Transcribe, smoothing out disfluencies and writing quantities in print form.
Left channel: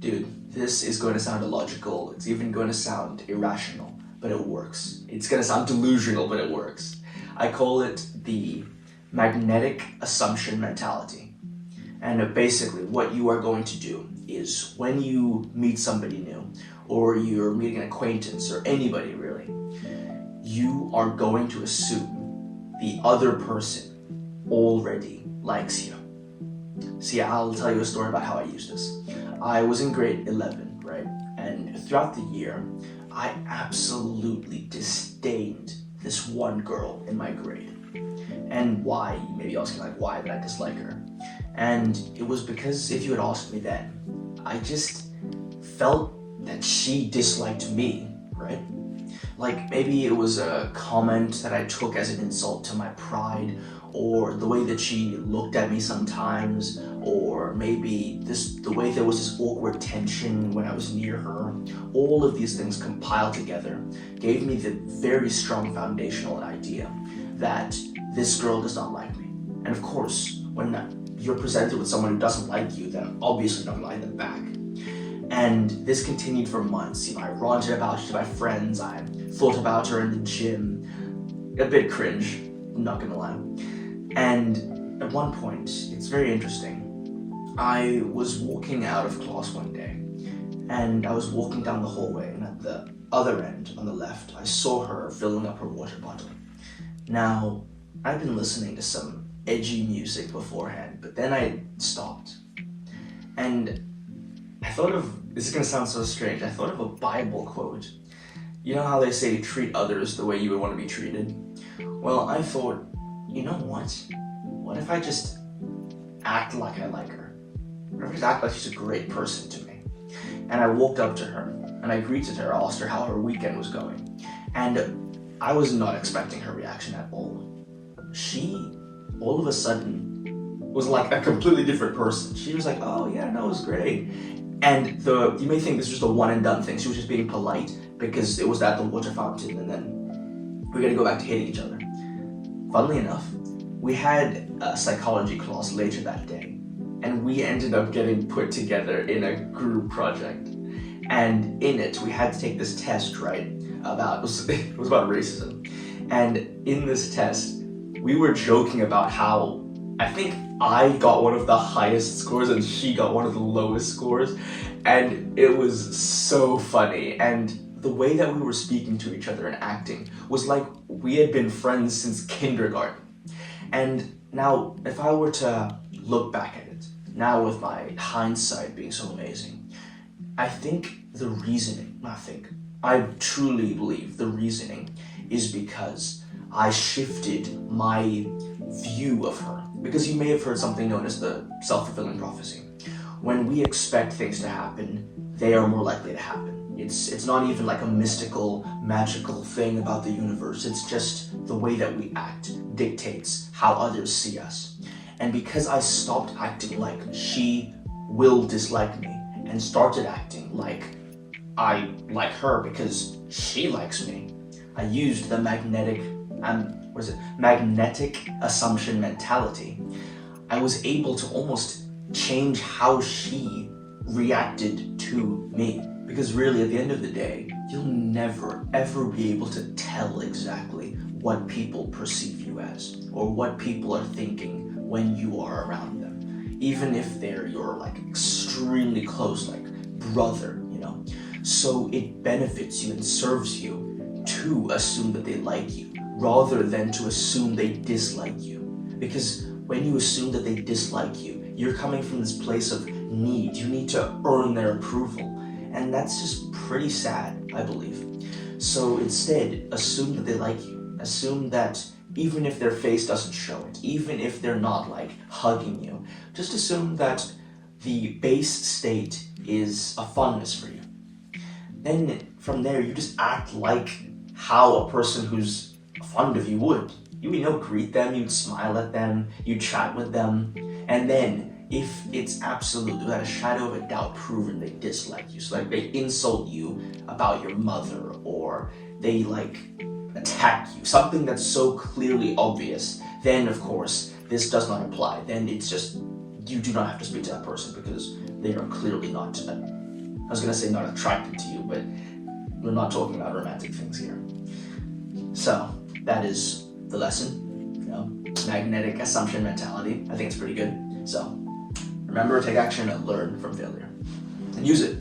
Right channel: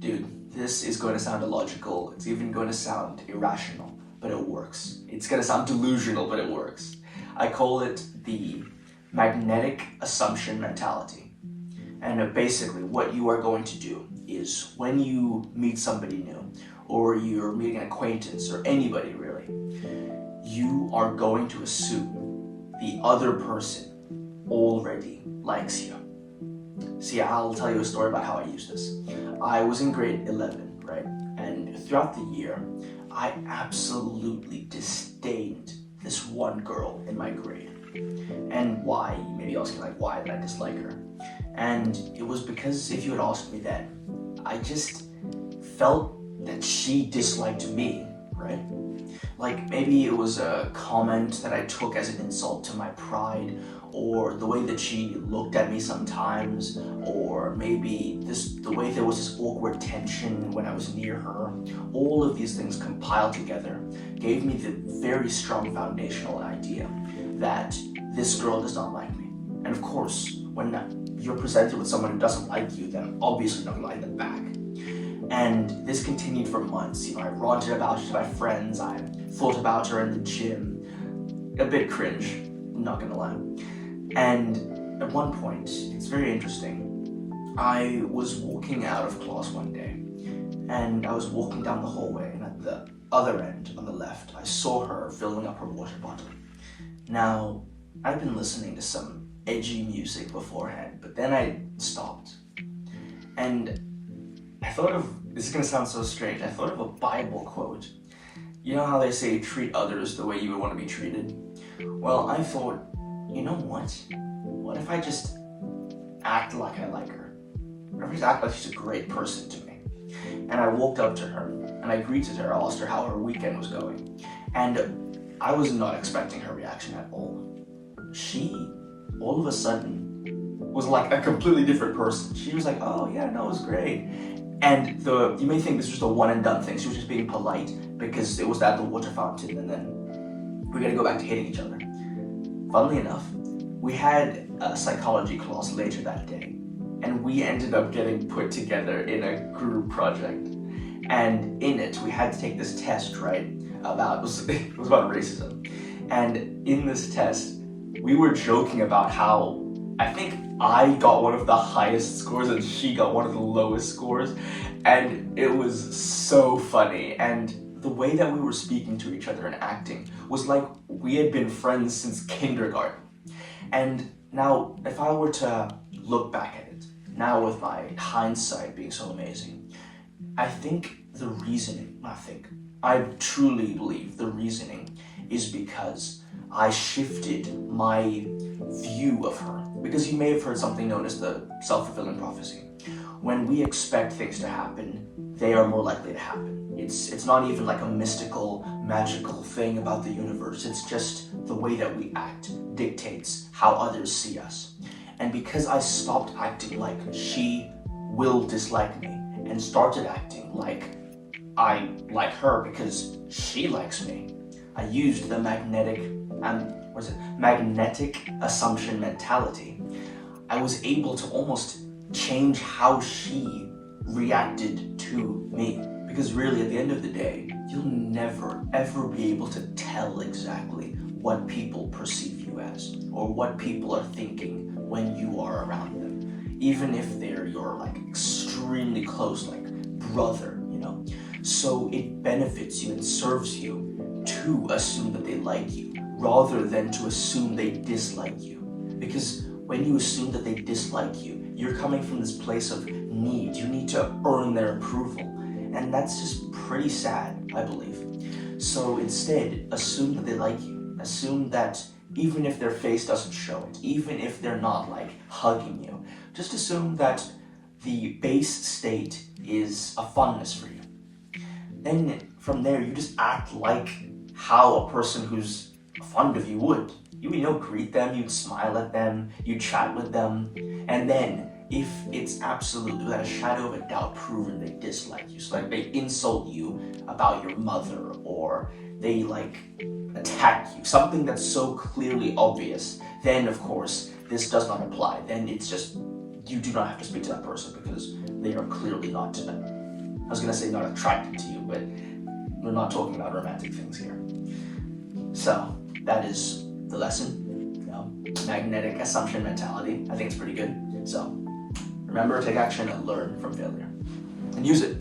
Dude, this is going to sound illogical. It's even going to sound irrational, but it works. It's going to sound delusional, but it works. I call it the magnetic assumption mentality. And basically, what you are going to do is when you meet somebody new, or you're meeting an acquaintance, or anybody really, you are going to assume the other person already likes you. See, I'll tell you a story about how I used this. I was in grade 11, right? And throughout the year, I absolutely disdained this one girl in my grade. And why? You may be asking, like, why did I dislike her? And it was because if you had asked me then, I just felt that she disliked me, right? Like, maybe it was a comment that I took as an insult to my pride, or the way that she looked at me sometimes, or maybe the way there was this awkward tension when I was near her. All of these things compiled together gave me the very strong foundational idea that this girl does not like me. And of course, when you're presented with someone who doesn't like you, then obviously you're not gonna like them back. And this continued for months. I ranted about her to my friends, I thought about her in the gym. A bit cringe, I'm not gonna lie. And at one point, it's very interesting, I was walking out of class one day, and I was walking down the hallway, and at the other end, on the left, I saw her filling up her water bottle. Now, I'd been listening to some edgy music beforehand, but then I stopped. And I thought of, this is gonna sound so strange, I thought of a Bible quote. You know how they say treat others the way you would want to be treated? Well, I thought, you know what? What if I just act like I like her? What if I just act like she's a great person to me? And I walked up to her, and I greeted her, I asked her how her weekend was going. And I was not expecting her reaction at all. She, all of a sudden, was like a completely different person. She was like, oh yeah, no, it was great. And you may think this was just a one and done thing. She was just being polite because it was at the water fountain, and then we're gonna go back to hating each other. Funnily enough, we had a psychology class later that day, and we ended up getting put together in a group project. And in it, we had to take this test, right? It was about racism. And in this test, we were joking about how I think I got one of the highest scores and she got one of the lowest scores. And it was so funny. And the way that we were speaking to each other and acting was like we had been friends since kindergarten. And now, if I were to look back at it, now with my hindsight being so amazing, I truly believe the reasoning is because I shifted my view of her. Because you may have heard something known as the self-fulfilling prophecy. When we expect things to happen, they are more likely to happen. It's not even like a mystical, magical thing about the universe. It's just the way that we act dictates how others see us. And because I stopped acting like she will dislike me and started acting like I like her because she likes me, I used the magnetic assumption mentality. I was able to almost change how she reacted to me. Because really, at the end of the day, you'll never, ever be able to tell exactly what people perceive you as, or what people are thinking when you are around them. Even if they're your like extremely close, like brother, So it benefits you and serves you to assume that they like you, rather than to assume they dislike you. Because when you assume that they dislike you, you're coming from this place of need. You need to earn their approval. And that's just pretty sad, I believe. So instead, assume that they like you. Assume that even if their face doesn't show it, even if they're not like hugging you, just assume that the base state is a fondness for you. Then from there, you just act like how a person who's fond of you would. You greet them, you'd smile at them, you'd chat with them, and then if it's absolutely without a shadow of a doubt proven they dislike you, so like they insult you about your mother, or they like attack you, something that's so clearly obvious, then of course this does not apply. Then it's just, you do not have to speak to that person because they are clearly not was gonna say not attracted to you, but we're not talking about romantic things here. So that is the lesson, you know, magnetic assumption mentality. I think it's pretty good. So remember, take action and learn from failure and use it.